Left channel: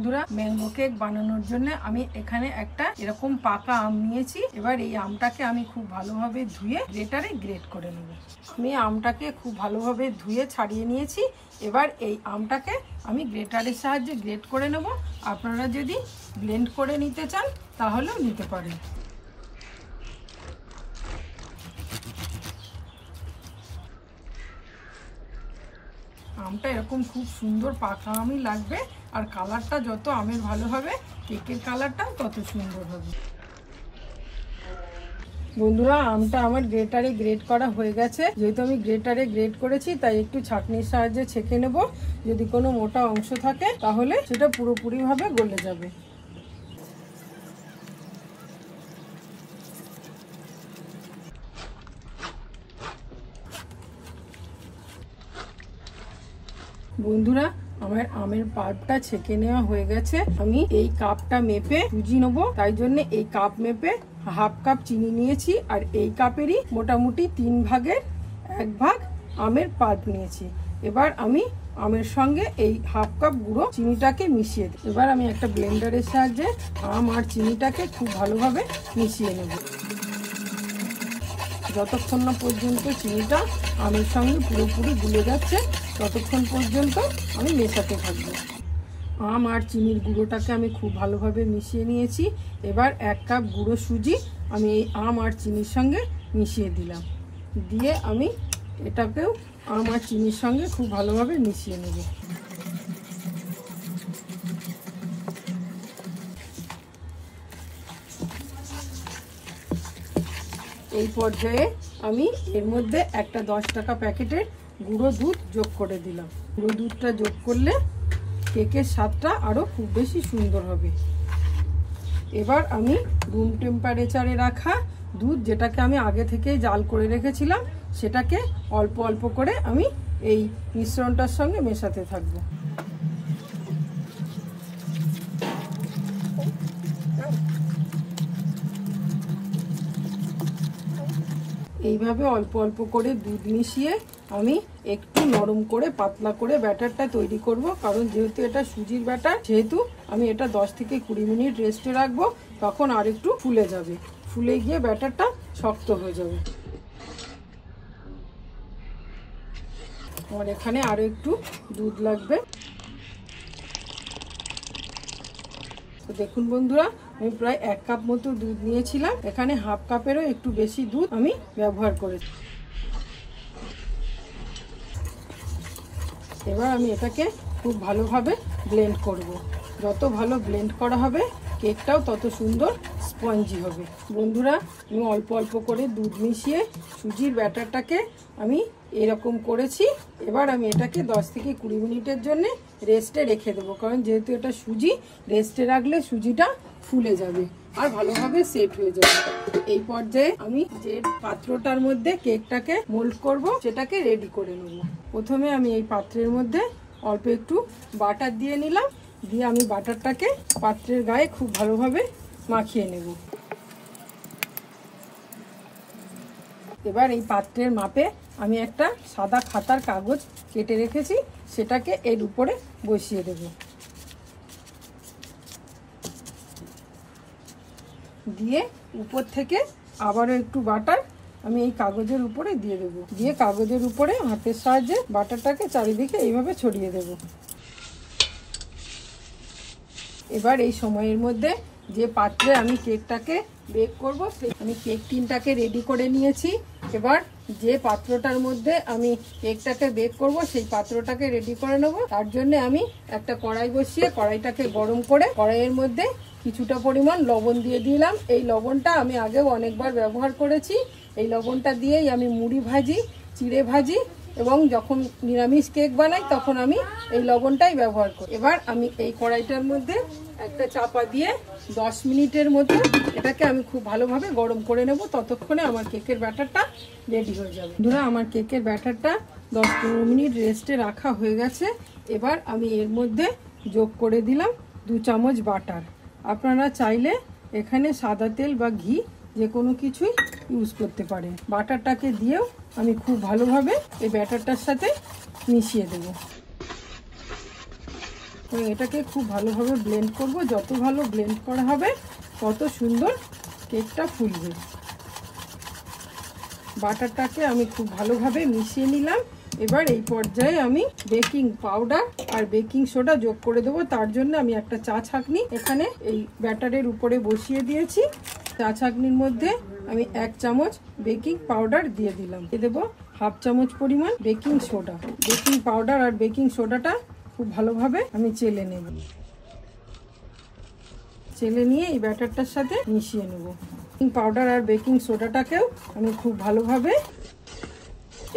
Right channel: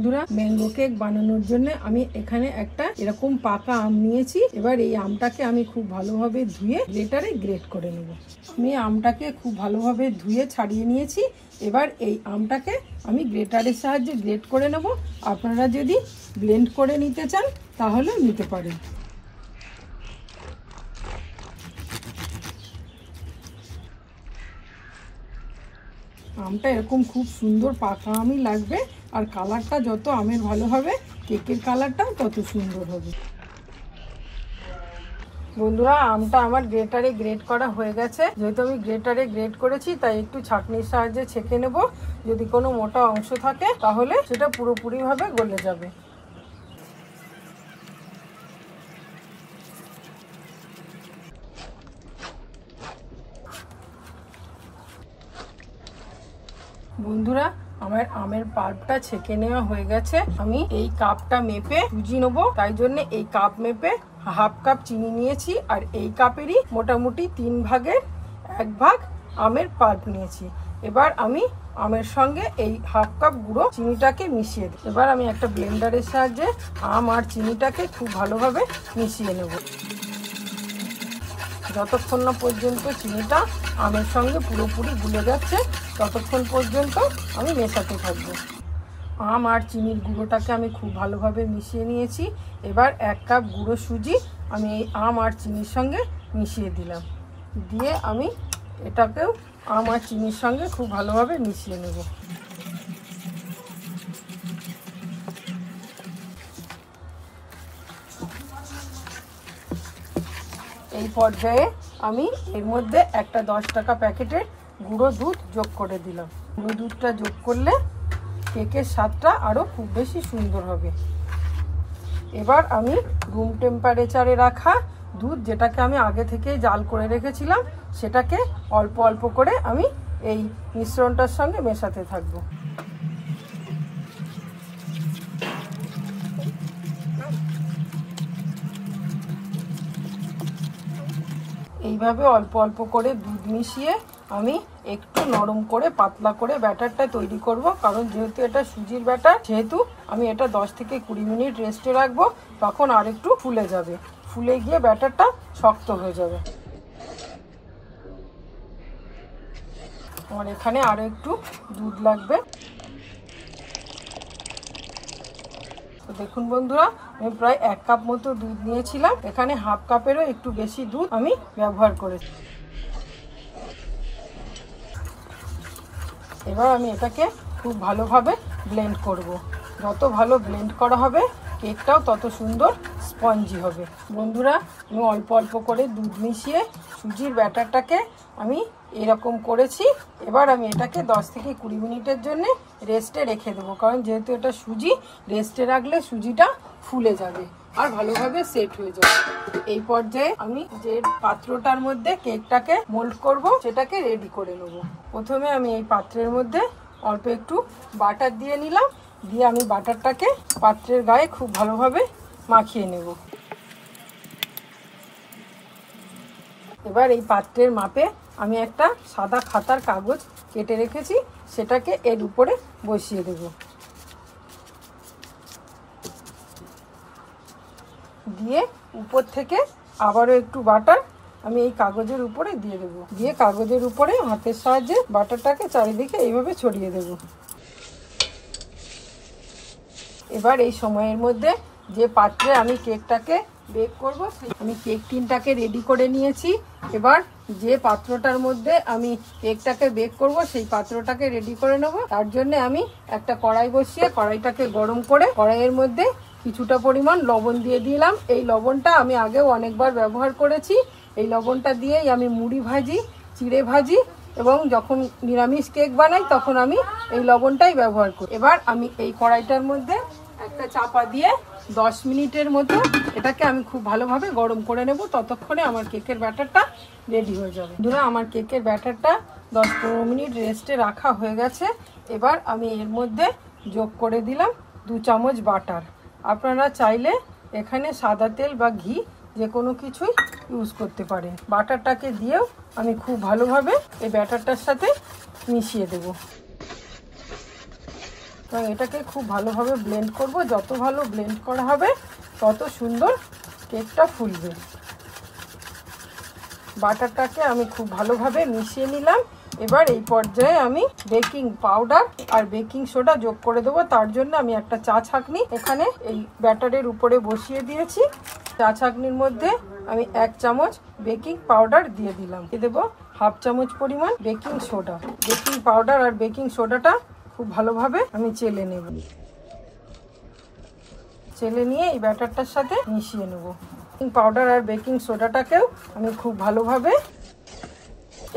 বন্ধুরা, mango cake বানানোর জন্য আমি এখানে একটা এরকম পাকা আম নিয়েছি। এবার এই আমটাকে আমি খুব ভালোভাবে ধুয়ে গ্রেটারে গ্রেট করে নেব। আমি আমটাকে খুব ভালোভাবে ধুয়ে ছাড়িয়ে নিয়েছি। এবার এই আমটাকে আমি গ্রেটারের সাহায্যে গ্রেট করে নেব। আপনারা যদি ব্লেন্ড করে নিতে চান তাহলেও নিতে পারেন। আমটা এরকম খুব সুন্দর পাকা আমই লাগবে, আর কালারটা যত আমের ভালো হবে কেকের কালারটাও তত সুন্দর হবে। বন্ধুরা, আমটা আমার গ্রেটারে গ্রেট করা হয়ে গেছে। যেহেতু আমি গ্রেটারে গ্রেট করেছি তাই একটু ছাঁকনির সাহায্যে ছেঁকে নেব। যদি কোনো মোটা অংশ থাকে তাহলে সেটা পুরোপুরিভাবে গলে যাবে। বন্ধুরা, আমার আমের পাল্পটা ছেঁকে নেওয়া হয়ে গেছে। আমি এই কাপটা মেপে সুজি নেবো, তাই জন্য এই কাপ মেপে হাফ কাপ চিনি নিয়েছি, আর এই কাপেরই মোটামুটি 3 ভাগের 1 ভাগ আমের পাল্প নিয়েছি। এবার আমি আমের সঙ্গে এই হাফ কাপ গুঁড়ো চিনিটাকে মিশিয়ে দেব। এবার আমি একটা ব্লেন্ডারের সাহায্যে আম আর চিনিটাকে খুব ভালোভাবে মিশিয়ে নেব। যতক্ষণ না পর্যন্ত চিনিটা আমের সঙ্গে পুরোপুরি গুলে যাচ্ছে ততক্ষণ পর্যন্ত আমি মেশাতে থাকবো। আম আর চিনির গুঁড়োটাকে আমি খুব ভালোভাবে মিশিয়ে নিয়েছি। এবার 1 কাপ গুঁড়ো সুজি আমি এই আম আর চিনির সঙ্গে মিশিয়ে দিলাম। দিয়ে আমি এটাকেও আম আর চিনির সঙ্গে খুব ভালোভাবে মিশিয়ে নেব। এই পর্যায়ে আমি এর মধ্যে একটা 10 টাকা প্যাকেটের গুঁড়ো দুধ যোগ করে দিলাম। গুঁড়ো দুধটা যোগ করলে কেকের স্বাদটা আরও খুব বেশি সুন্দর হবে। এবার আমি রুম টেম্পারেচারে রাখা দুধ, যেটাকে আমি আগে থেকেই জাল করে রেখেছিলাম, সেটাকে অল্প অল্প করে আমি এই মিশ্রণটার সঙ্গে মেশাতে থাকবো। এইভাবে অল্প অল্প করে দুধ মিশিয়ে আমি একটু নরম করে পাতলা করে ব্যাটারটা তৈরি করব। কারণ যেহেতু এটা সুজির ব্যাটার, সেহেতু আমি এটা 10 থেকে 20 মিনিট রেস্টে রাখবো। তখন আর একটু ফুলে যাবে, ফুলে গিয়ে ব্যাটারটা শক্ত হয়ে যাবে। আমার এখানে আরও একটু দুধ লাগবে। দেখুন বন্ধুরা, আমি প্রায় 1 কাপ মতো দুধ নিয়েছিলাম। এখানে হাফ কাপেরও একটু বেশি দুধ আমি ব্যবহার করেছি। এবার আমি এটাকে খুব ভালোভাবে ব্লেন্ড করব। যত ভালো ব্লেন্ড করা হবে কেকটাও তত সুন্দর স্পঞ্জি হবে। বন্ধুরা, আমি অল্প অল্প করে দুধ মিশিয়ে সুজির ব্যাটারটাকে আমি এরকম করেছি। এবার আমি এটাকে 10 থেকে 20 মিনিটের জন্য রেস্টে রেখে দেবো। কারণ যেহেতু এটা সুজি, রেস্টে রাখলে সুজিটা ফুলে যাবে আর ভালোভাবে সেট হয়ে যাবে। এই পর্যায়ে আমি যে পাত্রটার মধ্যে কেকটাকে মোল্ড করব সেটাকে রেডি করে নেব। প্রথমে আমি এই পাত্রের মধ্যে অল্প একটু বাটার দিয়ে নিলাম। দিয়ে আমি বাটারটাকে পাত্রের গায়ে খুব ভালোভাবে মাখিয়ে নেব। এবার এই পাত্রের মাপে আমি একটা সাদা খাতার কাগজ কেটে রেখেছি, সেটাকে এর উপরে বসিয়ে দেব। দিয়ে উপর থেকে আবারও একটু বাটার আমি এই কাগজের উপরে দিয়ে দেব। দিয়ে কাগজের উপরে হাতের সাহায্যে বাটারটাকে চারিদিকে এইভাবে ছড়িয়ে দেব। এবার এই সময়ের মধ্যে যে পাত্রে আমি কেকটাকে বেক করব, আমি কেক টিনটাকে রেডি করে নিয়েছি। এবার যে পাত্রটার মধ্যে আমি কেকটাকে বেক করব সেই পাত্রটাকে রেডি করে নেব। তার জন্য আমি একটা কড়াই বসিয়ে কড়াইটাকে গরম করে কড়াইয়ের মধ্যে কিছুটা পরিমাণ লবণ দিয়ে দিলাম। এই লবণটা আমি আগেও অনেকবার ব্যবহার করেছি। এই লবণটা দিয়েই আমি মুড়ি ভাজি, চিড়ে ভাজি এবং যখন নিরামিষ কেক বানাই তখন আমি এই লবণটাই ব্যবহার করি। এবার আমি এই কড়াইটার মধ্যে একটা চাপা দিয়ে 10 মিনিটের মতো এটাকে আমি খুব ভালোভাবে গরম করে নেব। ততক্ষণে আমার কেকের ব্যাটারটা রেডি হয়ে যাবে। বন্ধুরা, আমার কেকের ব্যাটারটা 10-15 মিনিট রেস্টে রাখা হয়ে গেছে। এবার আমি এর মধ্যে যোগ করে দিলাম 2 চামচ বাটার। আপনারা চাইলে এখানে সাদা তেল বা ঘি যে কোনো কিছুই ইউজ করতে পারেন। বাটারটাকে দিয়েও আমি খুব ভালোভাবে এই ব্যাটারটার সাথে মিশিয়ে দেব। এবং এটাকে খুব ভালোভাবে ব্লেন্ড করব। যত ভালো ব্লেন্ড করা হবে তত সুন্দর কেকটা ফুলবে। বাটারটাকে আমি খুব ভালোভাবে মিশিয়ে নিলাম। এবার এই পর্যায়ে আমি বেকিং পাউডার আর বেকিং সোডা যোগ করে দেবো। তার জন্য আমি একটা চা ছাঁকনি এখানে এই ব্যাটারের উপরে বসিয়ে দিয়েছি। চা ছাঁকনির মধ্যে আমি 1 চামচ বেকিং পাউডার দিয়ে দিলাম। দিয়ে দেবো 1/2 চামচ পরিমাণ বেকিং সোডা। বেকিং পাউডার আর বেকিং সোডাটা খুব ভালোভাবে আমি চেলে নেব। চেলে নিয়ে এই ব্যাটারটার সাথে মিশিয়ে নেব। বেকিং পাউডার আর বেকিং সোডাটাকেও আমি খুব ভালোভাবে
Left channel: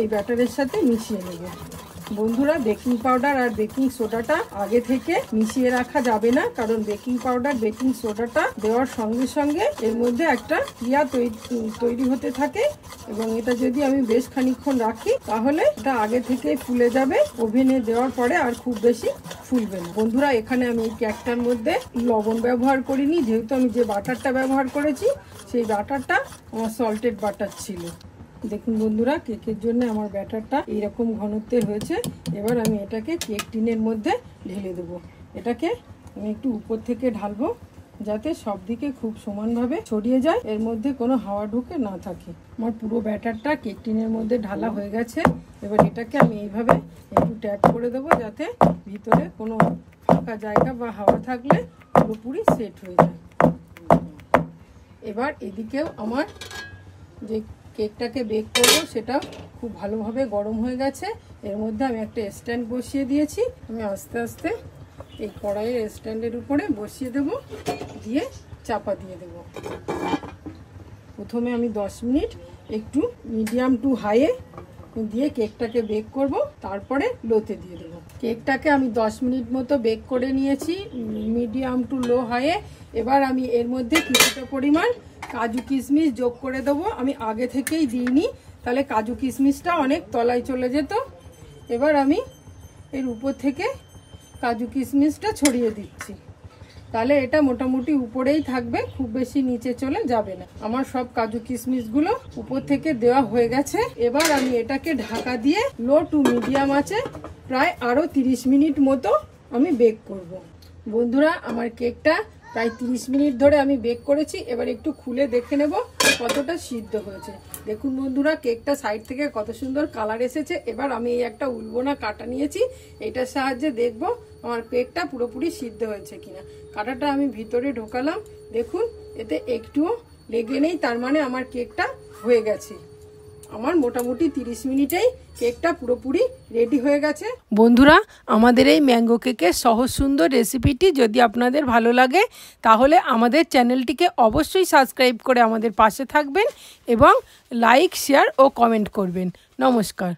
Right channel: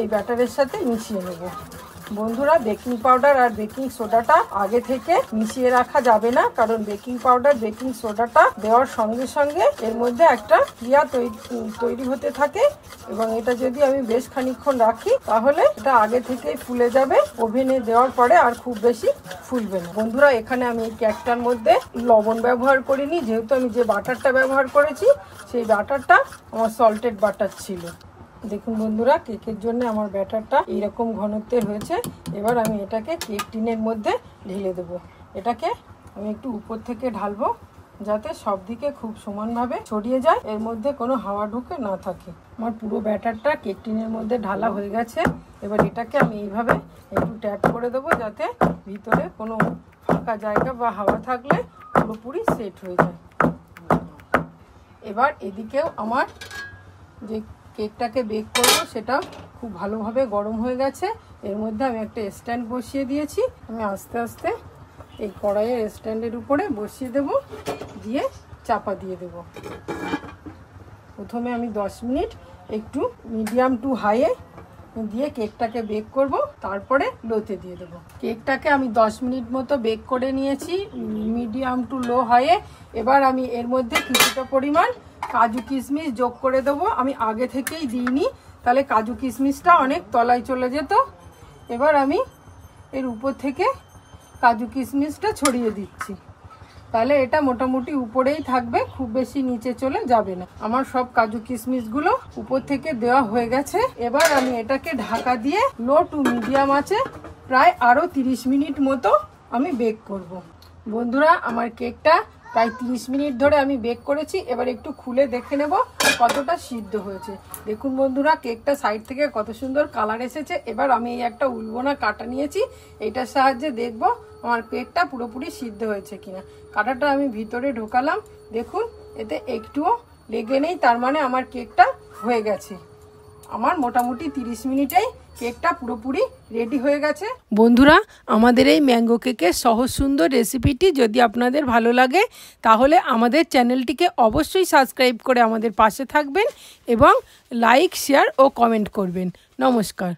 এই ব্যাটারের সাথে মিশিয়ে নেব। বন্ধুরা, বেকিং পাউডার আর বেকিং সোডাটা আগে থেকে মিশিয়ে রাখা যাবে না, কারণ বেকিং পাউডার বেকিং সোডাটা দেওয়ার সঙ্গে সঙ্গে এর মধ্যে একটা ক্রিয়া তৈরি হতে থাকে এবং এটা যদি আমি বেশ খানিকক্ষণ রাখি তাহলে এটা আগে থেকেই ফুলে যাবে। ওভেনে দেওয়ার পরে আর খুব বেশি ফুলবে না। বন্ধুরা, এখানে আমি এই কেকটার মধ্যে লবণ ব্যবহার করিনি, যেহেতু আমি যে বাটারটা ব্যবহার করেছি সেই বাটারটা আমার সল্টেড বাটার ছিল। দেখুন বন্ধুরা, কেকের জন্য আমার ব্যাটারটা এইরকম ঘনত্বের হয়েছে। এবার আমি এটাকে কেক টিনের মধ্যে ঢেলে দেবো। এটাকে আমি একটু উপর থেকে ঢালবো যাতে সব দিকে খুব সমানভাবে ছড়িয়ে যায়, এর মধ্যে কোনো হাওয়া ঢুকে না থাকে। আমার পুরো ব্যাটারটা কেক টিনের মধ্যে ঢালা হয়ে গেছে। এবার এটাকে আমি এইভাবে একটু ট্যাপ করে দেবো যাতে ভিতরে কোনো ফাঁকা জায়গা বা হাওয়া থাকলে পুরোপুরি সেট হয়ে যায়। এবার এদিকেও আমার যে কেকটাকে বেক করবো সেটা খুব ভালোভাবে গরম হয়ে গেছে। এর মধ্যে আমি একটা স্ট্যান্ড বসিয়ে দিয়েছি। আমি আস্তে আস্তে এই কড়াইয়ের স্ট্যান্ডের উপরে বসিয়ে দেব, দিয়ে চাপা দিয়ে দেব। প্রথমে আমি 10 মিনিট একটু মিডিয়াম টু হাইয়ে দিয়ে কেকটাকে বেক করব, তারপরে লোতে দিয়ে দেবো। কেকটাকে আমি 10 মিনিট মতো বেক করে নিয়েছি মিডিয়াম টু লো হাইয়ে। এবার আমি এর মধ্যে কিছুটা পরিমাণ কাজু কিশমিশ যোগ করে দেবো। আমি আগে থেকেই দিইনি, তাহলে কাজু কিশমিশটা অনেক তলায় চলে যেত। এবার আমি এর উপর থেকে কাজু কিশমিশটা ছড়িয়ে দিচ্ছি, তাহলে এটা মোটামুটি উপরেই থাকবে, খুব বেশি নিচে চলে যাবে না। আমার সব কাজু কিশমিশগুলো উপর থেকে দেওয়া হয়ে গেছে। এবার আমি এটাকে ঢাকা দিয়ে লো টু মিডিয়াম আছে প্রায় আরও 30 মিনিট মতো আমি বেক করব। বন্ধুরা, আমার কেকটা প্রায় 30 মিনিট ধরে আমি বেক করেছি। এবার একটু খুলে দেখে নেব কতটা সিদ্ধ হয়েছে। দেখুন বন্ধুরা, কেকটা সাইড থেকে কত সুন্দর কালার এসেছে। এবার আমি এই একটা উলবোনা কাঁটা নিয়েছি, এইটার সাহায্যে দেখব আমার কেকটা পুরোপুরি সিদ্ধ হয়েছে কিনা। কাঁটাটা আমি ভিতরে ঢোকালাম, দেখুন এতে একটুও লেগে নেই, তার মানে আমার কেকটা হয়ে গেছে। আমার মোটামুটি 30 মিনিটেই কেকটা পুরোপুরি রেডি হয়ে গেছে। বন্ধুরা, আমাদের এই ম্যাঙ্গো কেকের সহজ সুন্দর রেসিপিটি যদি আপনাদের ভালো লাগে তাহলে আমাদের চ্যানেলটিকে অবশ্যই সাবস্ক্রাইব করে আমাদের পাশে থাকবেন এবং লাইক, শেয়ার ও কমেন্ট করবেন। নমস্কার।